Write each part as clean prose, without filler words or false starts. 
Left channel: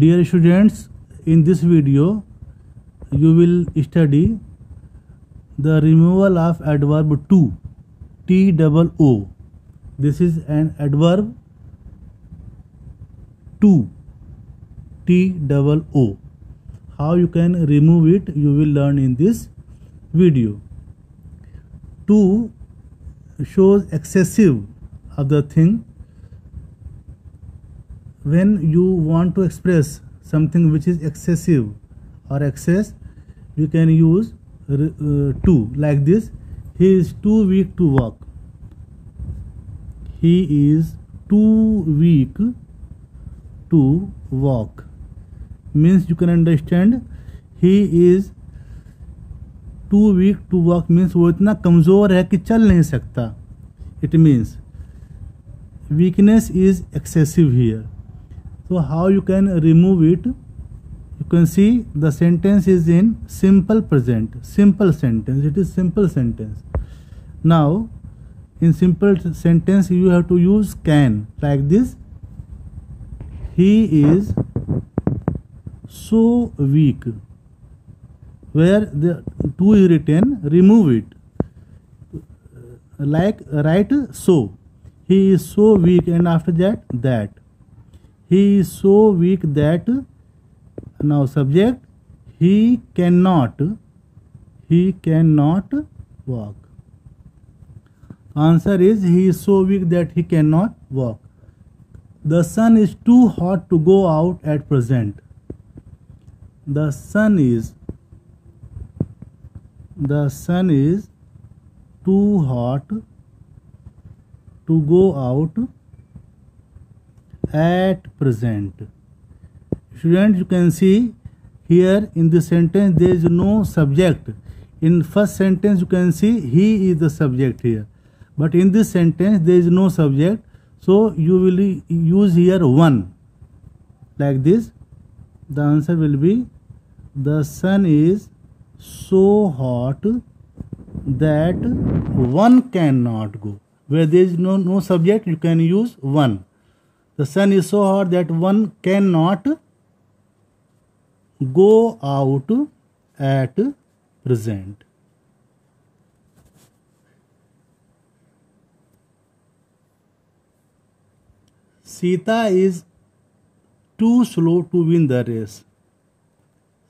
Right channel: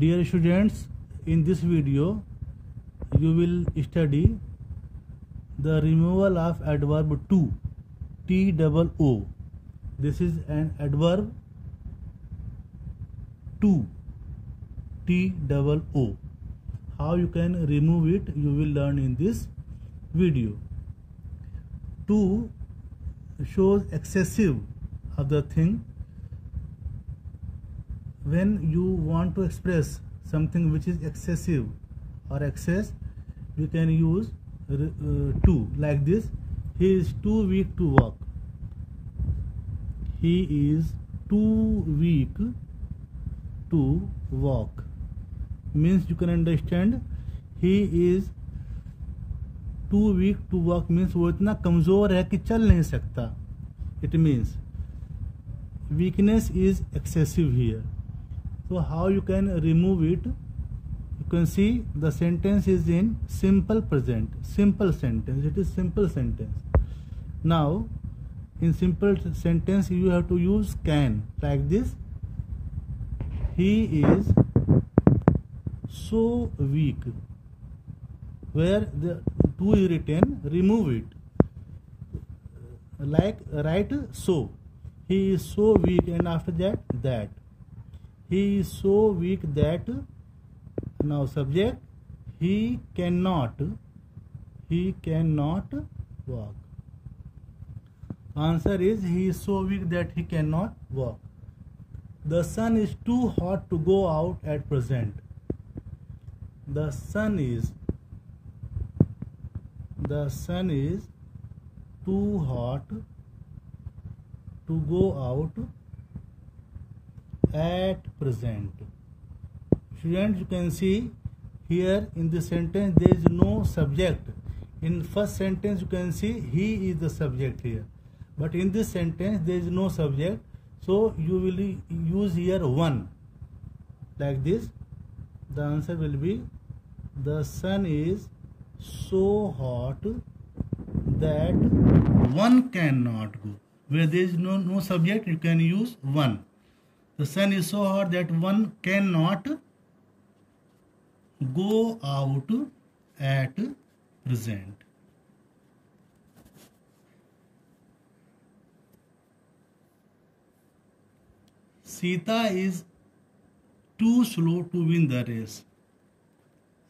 Dear students, in this video you will study the removal of adverb to, T-O-O. This is an adverb to, T-O-O. How you can remove it you will learn in this video. To shows excessive of the thing. When you want to express something which is excessive or excess, you can use to, like this. He is too weak to walk. He is too weak to walk. Means you can understand he is too weak to walk means वो इतना कमज़ोर है कि चल नहीं सकता. It means weakness is excessive here. So how you can remove it? You can see the sentence is in simple present, simple sentence. It is simple sentence. Now in simple sentence you have to use can, like this. He is so weak. Where the to is written, remove it. Like write so. He is so weak, and after that. He is so weak that, now subject, he cannot walk. Answer is he is so weak that he cannot walk. The sun is too hot to go out at present. The sun is too hot to go out at present. Students, you can see here in this sentence there is no subject. In first sentence you can see he is the subject here, but in this sentence there is no subject, so you will use here one, like this. The answer will be the sun is so hot that one cannot go. Where there is no subject, you can use one. The sun is so hot that one cannot go out at present. Sita is too slow to win the race.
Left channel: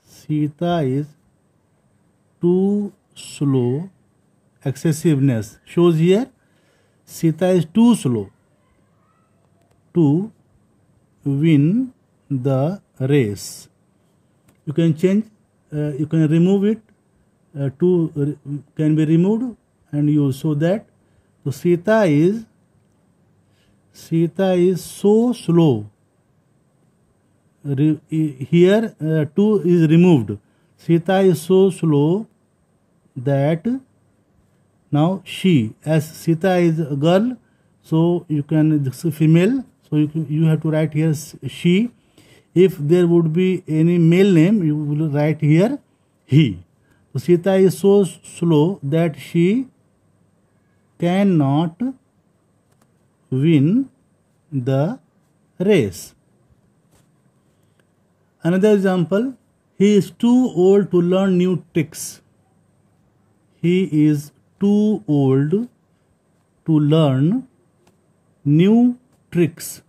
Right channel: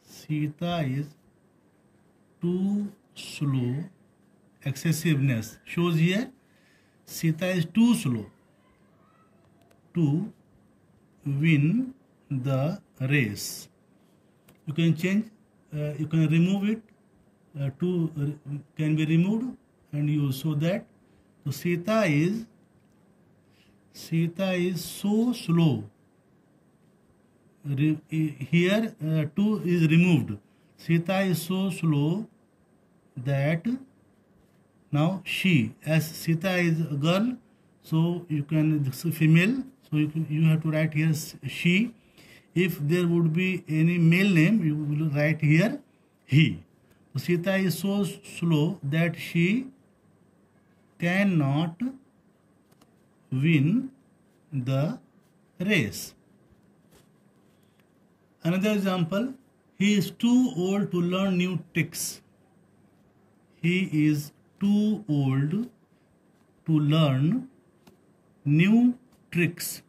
Sita is too slow. Excessiveness shows here. Sita is too slow to win the race. You can change, you can remove it. To can be removed and use so that. So Sita is so slow. Here to is removed. Sita is so slow that, now she, as Sita is a girl, so you can, this is female, so you have to write here she. If there would be any male name, you will write here he. So Sita is so slow that she cannot win the race. Another example, he is too old to learn new tricks. He is too old to learn new tricks.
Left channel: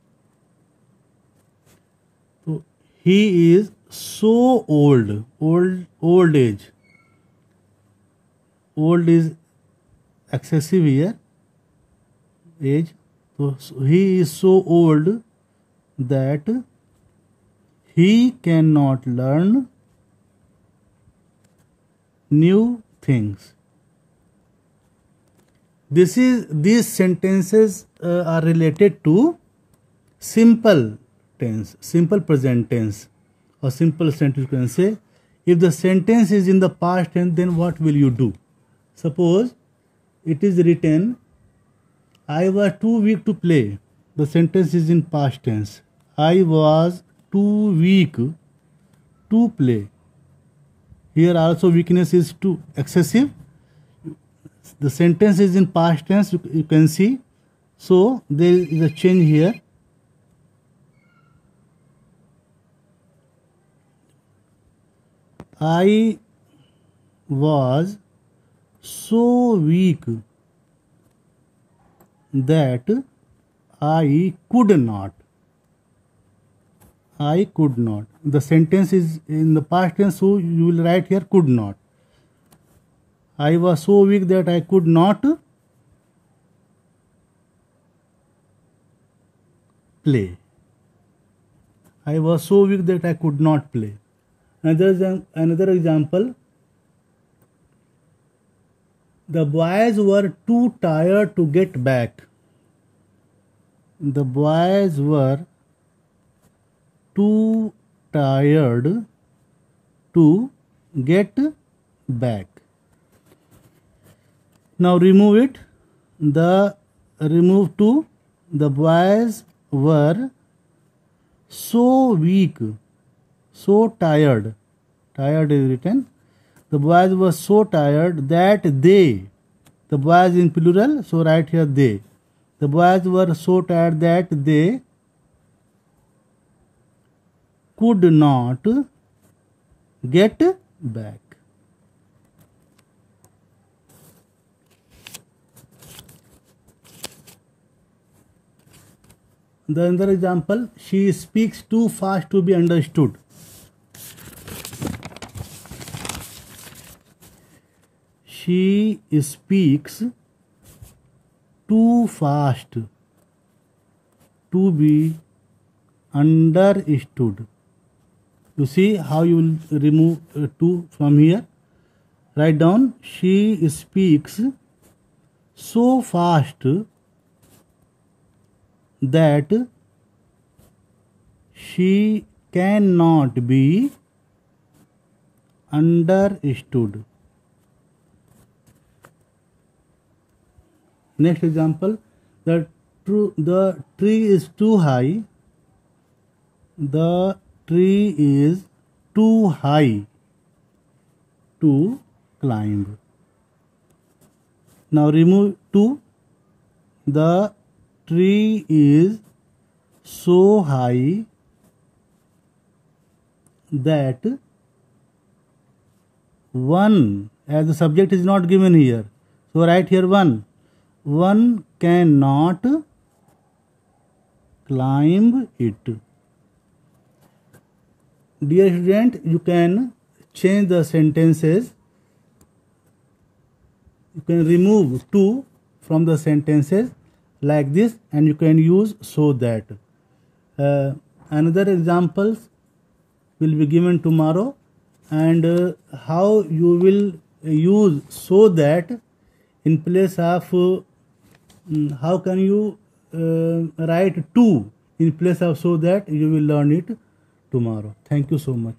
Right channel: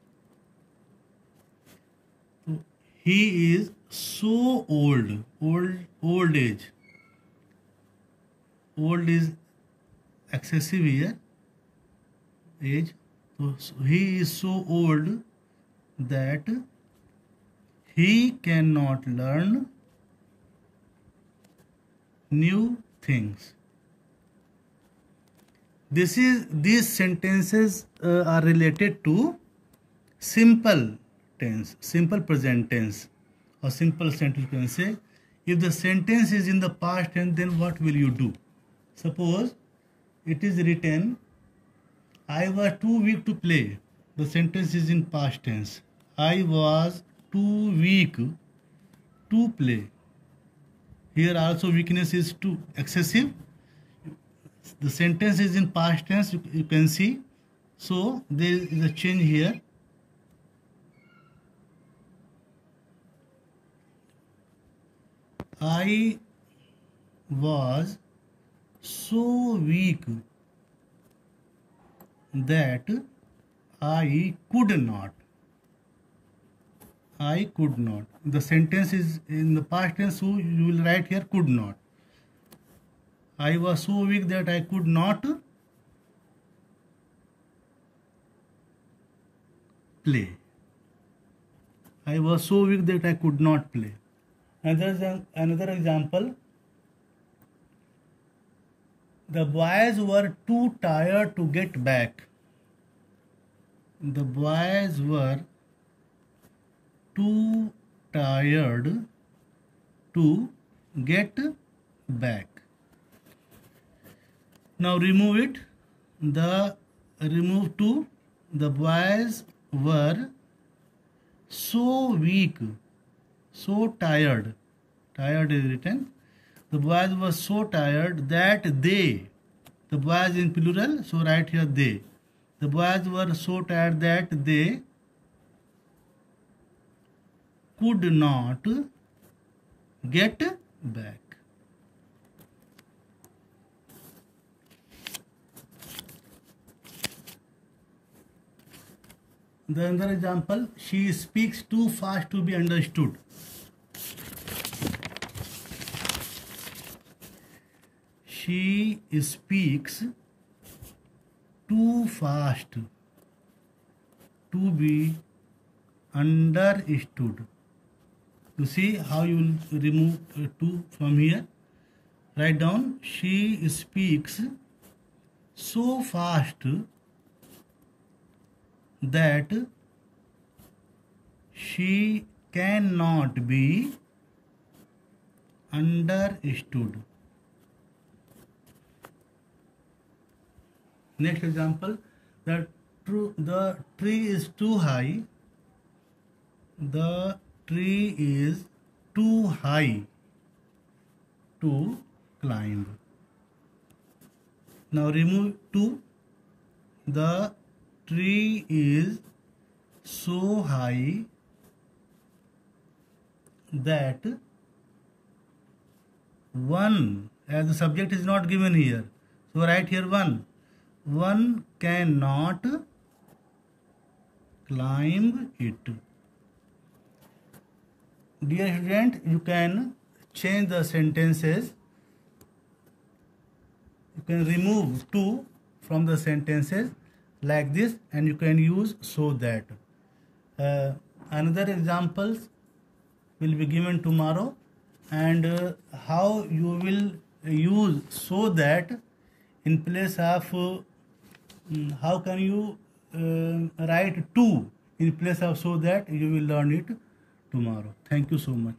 So he is so old age. Old is excessive here, age. So he is so old that he cannot learn new things. These sentences are related to simple tense, simple present tense, or simple sentence. You can say, if the sentence is in the past tense, then what will you do? Suppose it is written, I was too weak to play. The sentence is in past tense. I was too weak to play. Here also weakness is too excessive. The sentence is in past tense, you can see. So there is a change here. I was so weak that I could not. I could not. The sentence is in the past tense, so you will write here could not. I was so weak that I could not play. I was so weak that I could not play. Another example. The boys were too tired to get back. The boys were too tired to get back. Now remove it. Remove to. The boys were so weak, so tired. Tired is written. The boys were so tired that they, the boys in plural, so write here they. The boys were so tired that they could not get back. The another example, she speaks too fast to be understood. She speaks too fast to be understood. You see how you will remove to from here. Write down, she speaks so fast that she cannot be understood. Next example, the tree is too high. The tree is too high to climb. Now remove to. The tree is so high that one, as the subject is not given here, so write here one cannot climb it. Dear student, you can change the sentences. You can remove to from the sentences like this, and you can use so that. Another examples will be given tomorrow, and how you will use so that in place of how can you write to in place of so that, you will learn it tomorrow. Thank you so much.